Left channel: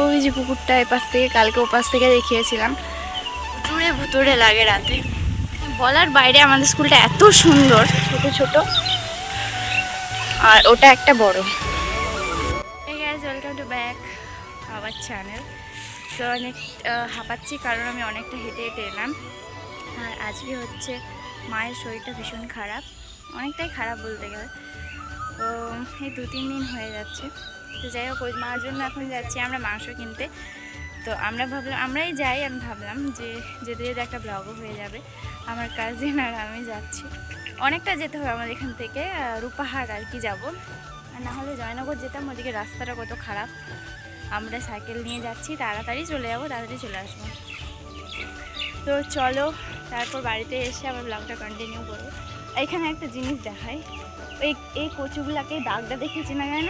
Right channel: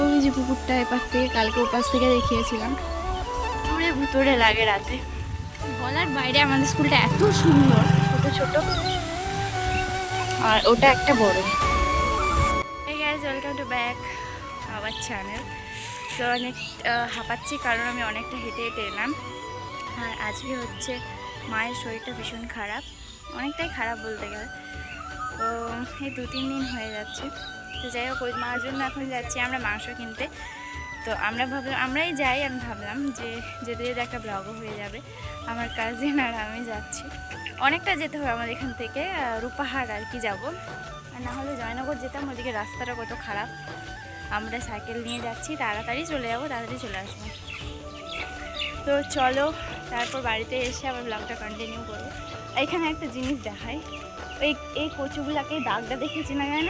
ওই যে পুকুরটা এপাশ থেকে, কালকে ওপাশ থেকে দেখিয়েছিলাম। জুড়ে ভুতুরে লাগে রাতে। বলার বাইরে আমাদের স্কুলটা এত সুন্দর, ছোট ছোট। আর ওটা একটা বড়। Welcome to back our channel তো অনেক হাঁপাচ্ছি কারণ আমি অনেকটা হেঁটে হেঁটে এলাম। আর আজকে হচ্ছে মায়ের শরীরটা ভীষণ খারাপ। অনেকটাই খারাপ বলতে গেলে। তো এই দু তিন দিন হয়ে যাচ্ছে। যাই হোক ওই মার জন্য এখন যাচ্ছি আমরা মাংস কিনতে। তো আমরা ভাবলাম আমরাই যাই আমি ভাবলাম যে যেতে যেতে একটা ব্লগও হয়ে যাবে। আমার কাজিন আর আমি যাচ্ছি। অনেকটা যেতে হবে আমাদের এখান থেকে আহ, রূপাহার আর কি যাব। আর না হলে জয়নগর যেতাম ওদিকে রাস্তাটা কত খারাপ। আমরা সাইকেল নিয়ে যাচ্ছি তাড়াতাড়ি চলে যাব তাড়াতাড়ি চলে আসব। তো চলো তারপর বাড়িতে এসে আবার ব্লগটা কন্টিনিউ করব। এখানে একটা জিনিস দেখাই। এই এই কচুগুলাকে দাগটা দেখেছি না কেন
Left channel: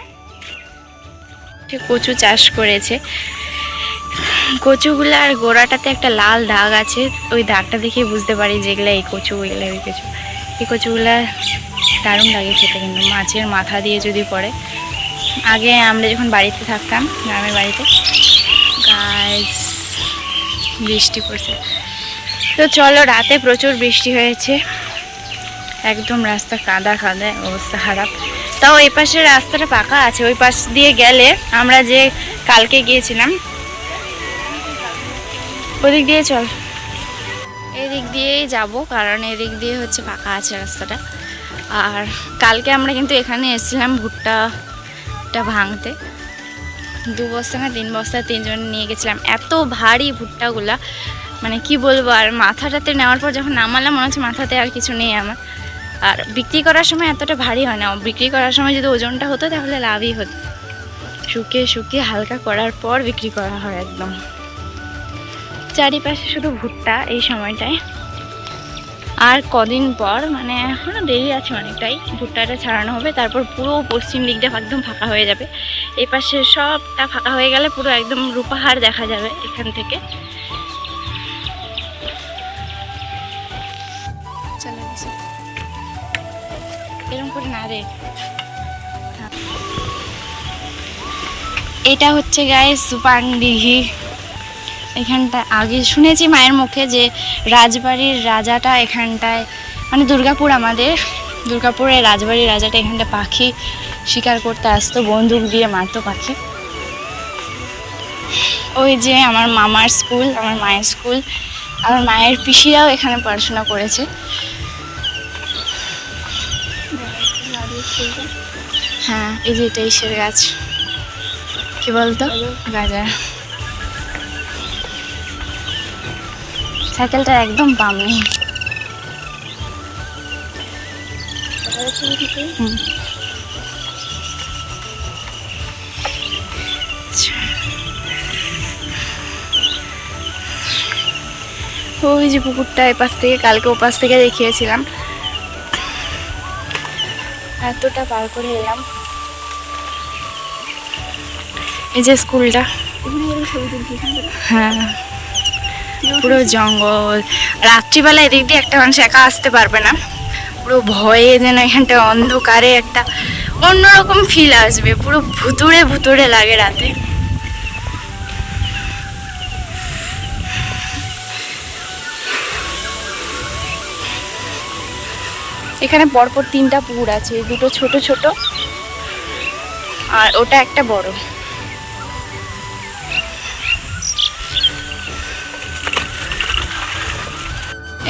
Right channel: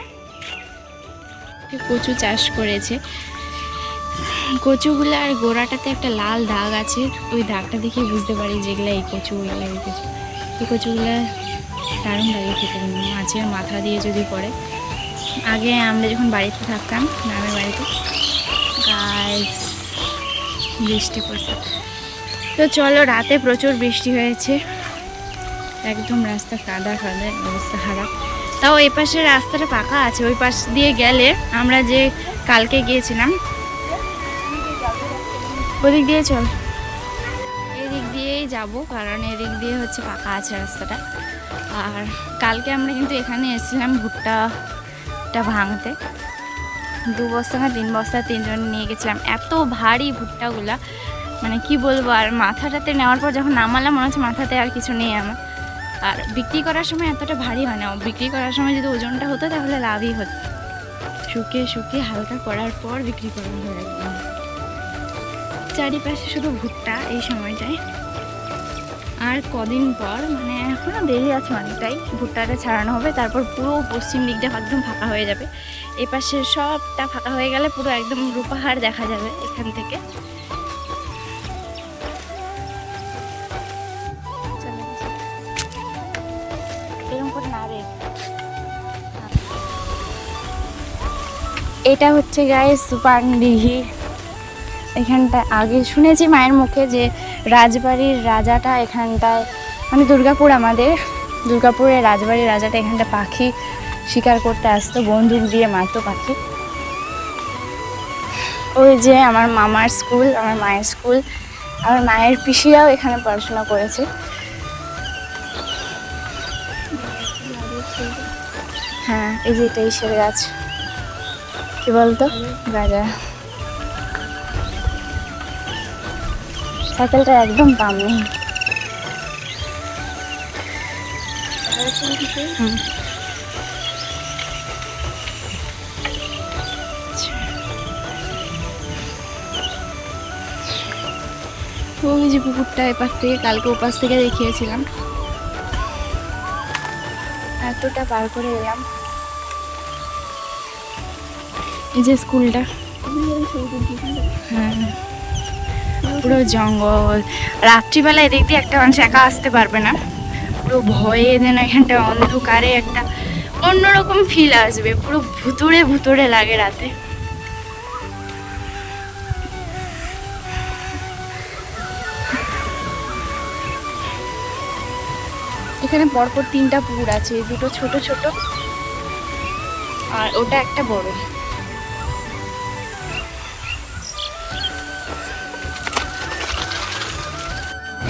কচু চাষ করেছে। কচুগুলার গোড়াটাতে একটা লাল দাগ আছে, ওই দাগটা দেখে বুঝতে পারি যেগুলো এই কচু ওইগুলো ওই কচু। এই কচুগুলা দারুণ লাগে খেতে কিন্তু, মাছের মাথা দিয়ে যদি পড়ে। আগে আমরা যখন বাড়িতে থাকতাম, গ্রামের বাড়িতে গাছ বৃষ্টি পড়ছে। তো চলো, রাতে প্রচুর বৃষ্টি হয়েছে। একদম রাস্তা কাদা কাদা অবস্থা খারাপ। তাও এই পাশের রাস্তাটা পাকা আছে, ওই পাশ দিয়ে গেলে আমরা যে কালকে গিয়েছিলাম, ওদিক দিয়ে চল। এদিক দিয়েই যাব, কারণ এদিক দিয়ে হচ্ছে পাকা আছে রাস্তাটা। আর কালকে আমরা কিন্তু এখানে এসেছিলাম ভুট্টাটা ভাঙতে। দু বস্তা না তিন বস্তা তিনজন নিয়ে গেছিলাম। এত ভারী ভুট্টাগুলা মানে কি বলব, আর মাথাটাতে নেওয়ার পর যখন নামালাম, মনে হচ্ছে মাথাতে আর কিছু নেই আমার। আর বিক্রি করার সময় এতটা ভারী হয় না। বিক্রি করার সময় যদি ওজনটা হতো, তাহলে লাভই হতো। শুকিয়ে শুকিয়ে হালকা করার পর বিক্রি করা হয় একদম। চারিপাশে শুধু ভুট্টা এই সময়টায়। আর কদিন পর মানে এখনও দেরি আছে অনেকটাই। ভুট্টাটা ছাড়ানো হবে, তারপর পুরো পশ্চিম দিকটা একদম ফাঁকা হয়ে যাবে। এই পাশে সবটা ফাঁকা হয়ে গেলে পুরো একদম রূপাহার দেখা যাবে এখান থেকে। এটা হচ্ছে গায়ে সুপানডিহি এখানটা আগে শুনেছি মায়ের মুখে যে রাজবাড়ির রাজাটা এখানটায় মানে দুর্গাপুর আমাদের। দুর্গাপুরের রাজবাড়ির রাজাটা এখানটা পাখি শিকার করতে আসতো, বন্দুক দিয়ে মারতো পাখি। ওই যে আমার মামার স্কুল, আমার মায়ের স্কুল। আমার মায়ের পিসিরাও এখানে পড়াশোনা করেছে। হ্যাঁ এই যে এটা ইসের গাছ। কি বলতো? গাজা সাইকেলটা একদম পাম নেই। ওই যে পুকুরটা এপাশ থেকে, কালকে ওপাশ থেকে দেখিয়েছিলাম। এতটা পার করে এলাম। এই যে স্কুলটা। হ্যাঁ। পুরো জঙ্গল। রাত্রিবেলা এদিক দিয়ে একটা মানুষ একা আসতে পারবে না। পুরো ভয়ে যেন এখানটা অন্ধকারে একটা অন্যরকম ফিল আসবে। পুরো ভুতুড়ে ভুতুড়ে লাগে রাতে। এখানে পরপর তিনটা পুকুর আছে, দুটো ছোট ছোট। আর ওটা একটা বড়।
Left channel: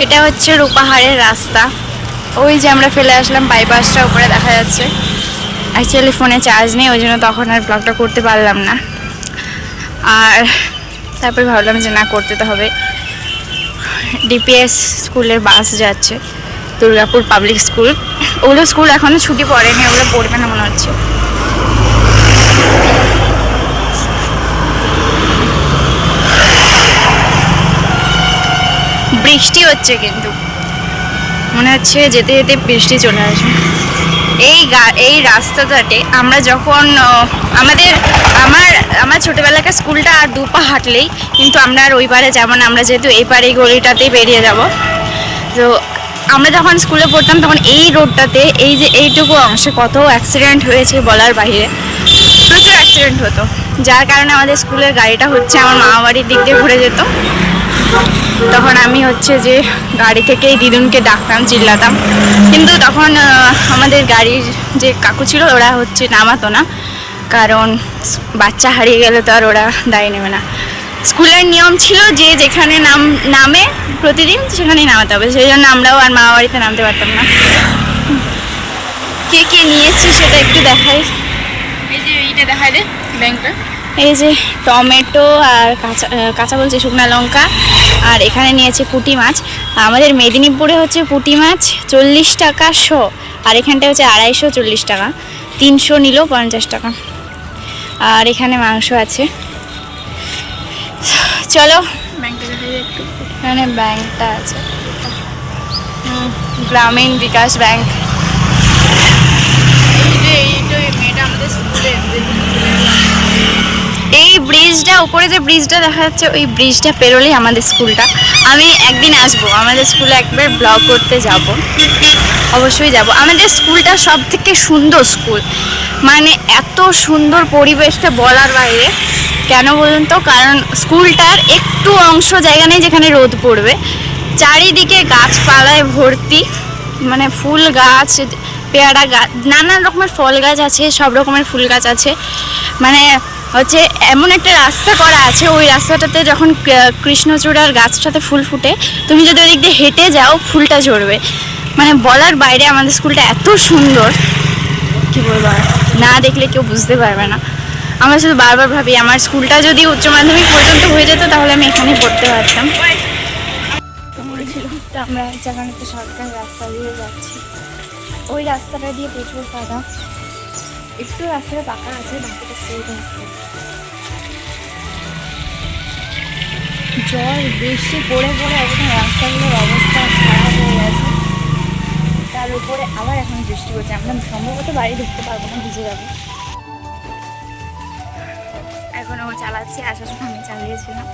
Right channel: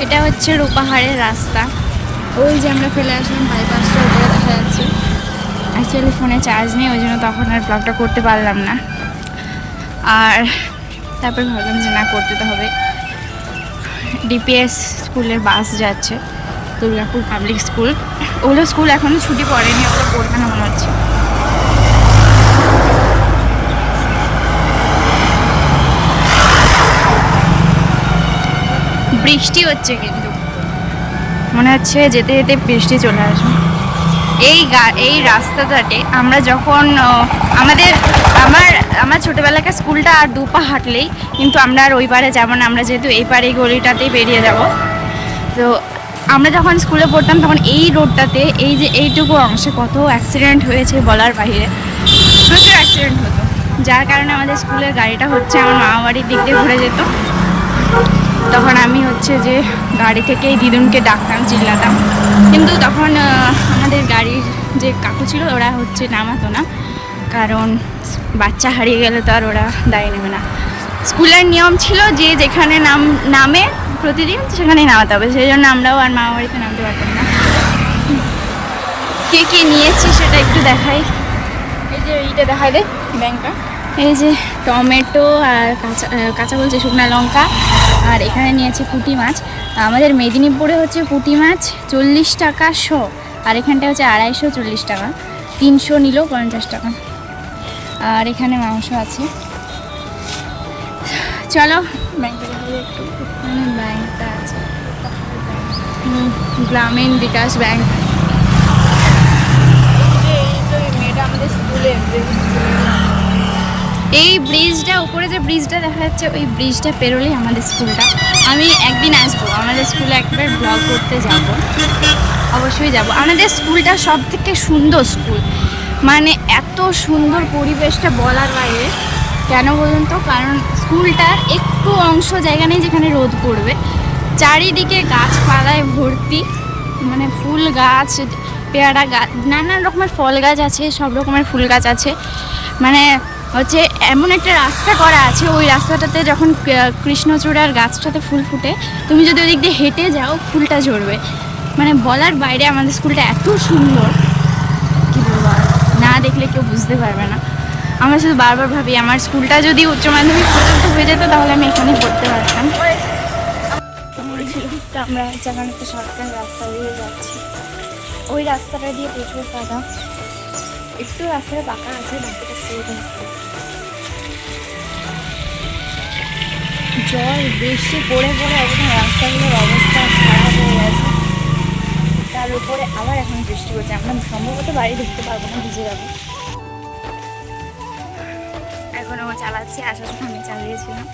এটা হচ্ছে রূপাহারের রাস্তা। ওই যে আমরা ফেলে আসলাম বাইপাসটা, উপরে দেখা যাচ্ছে। অ্যাকচুয়ালি ফোনে চার্জ নেই, ওই জন্য তখন আর ব্লগটা করতে পারলাম না। আর তারপর ভাবলাম যে না, করতে তো হবে। ডিপিএস স্কুলের বাস যাচ্ছে। দুর্গাপুর পাবলিক স্কুল ওগুলো স্কুল এখনও ছুটি পড়েনি, ওগুলো পড়বে না মনে হচ্ছে। বৃষ্টি হচ্ছে কিন্তু। মনে হচ্ছে যেতে যেতে বৃষ্টি চলে আসবে। এই গা- এই রাস্তাটাতে আমরা যখন আমাদের, আমার আমার ছোটোবেলাকার স্কুলটা আর দু পা হাঁটলেই কিন্তু আমরা আর ওই পারে যাব না। আমরা যেহেতু এই পারে গলিটাতেই বেরিয়ে যাব। তো আমরা যখন স্কুলে পড়তাম, তখন এই রোডটাতে এই যে এইটুকু অংশে কত অ্যাক্সিডেন্ট হয়েছে বলার বাইরে প্রচুর অ্যাক্সিডেন্ট হতো। যার কারণে আমাদের স্কুলের গাড়িটা হচ্ছে আমার মামা বাড়ির দিক দিয়ে ঘুরে যেত। তখন আমি হচ্ছে যে গাড়ি থেকেই দিদুনকে ডাকতাম, চিল্লাতাম। কিন্তু তখন আমাদের গাড়ির যে কাকু ছিল, ওরা হচ্ছে নামাতো না। কারণ বাচ্চা হারিয়ে গেলে তো আর ওরা দায় নেবে না। স্কুলের নিয়ম ছিল যে যেখানে নাম নামে প্রতিদিন সেখানেই নামাতে হবে। সেই জন্য আমরাও আর মামা বাড়িতে নামতে পারতাম না। কে কে নিয়েছি সেটা একটু দেখাই। এই যে এইটা দেখাই দে ব্যাংকটা। এই যে টমেটো আর কাঁচা কাঁচা বলছে শুকনা লঙ্কা। আর এখানে নিয়েছে পুঁটি মাছ। আমাদের মেদিনীপুরে হচ্ছে পুঁটি মাছ চল্লিশ টাকা শ। আর এখানটা হচ্ছে আড়াইশো চল্লিশ টাকা। তিনশো নিল পঞ্চাশ টাকা। আর এখানে মাংস আছে। চলো। এখানে ব্যাংকটা আছে। হুম, গ্রামীণ বিকাশ ব্যাংক। এই ব্রিজটা উপরে যে ব্রিজটা দেখা যাচ্ছে ওই ব্রিজটা পেরোলেই আমাদের স্কুলটা। আমি একদিন আসব আমাদের স্কুলে একবার ব্লগ করতে যাব। অবশ্যই যাব। আমাদের স্কুলটা সব থেকে সুন্দর স্কুল। মানে এত সুন্দর পরিবেশটা বলার বাইরে। কেন বলুন তো? কারণ স্কুলটার একটু অংশ জায়গা নেই যেখানে রোদ পড়বে। চারিদিকে গাছপালায় ভর্তি মানে ফুল গাছ, পেয়ারা গাছ, নানান রকমের ফল গাছ আছে, সব রকমের ফুল গাছ আছে। মানে হচ্ছে এমন একটা রাস্তা করা আছে, ওই রাস্তাটাতে যখন কৃষ্ণচূড়ার গাছটাতে ফুল ফুটে, তুমি যদি ওদিক দিয়ে হেঁটে যাও, ফুলটা ঝরবে। মানে বলার বাইরে আমাদের স্কুলটা এত সুন্দর। কি বলব আর? না দেখলে কেউ বুঝতে পারবে না। আমরা শুধু বারবার ভাবি, আমার স্কুলটা যদি উচ্চ মাধ্যমিক পর্যন্ত হয়ে যেত, তাহলে আমি এখানেই পড়তে পারতাম। আমরা যেখানে একটা শর্টকাট রাস্তা দিয়ে যাচ্ছি। ওই রাস্তাটা দিয়ে প্রচুর কাদা একটু রাস্তাটা পাকা আছে, বাকিটা স্ট্রেট আছে জল বৃষ্টি, পড়ে পড়ে একদম রাস্তাগুলোর অবস্থা খারাপ হয়ে গেছে। তার উপরে আবার এখন বৃষ্টি পড়ছে আমরা সম্ভবত বাড়ি ঢুকতে পারব না, ভিজে যাব। এখনও চালাচ্ছি আসার সময় আমি চালিয়েছিলাম।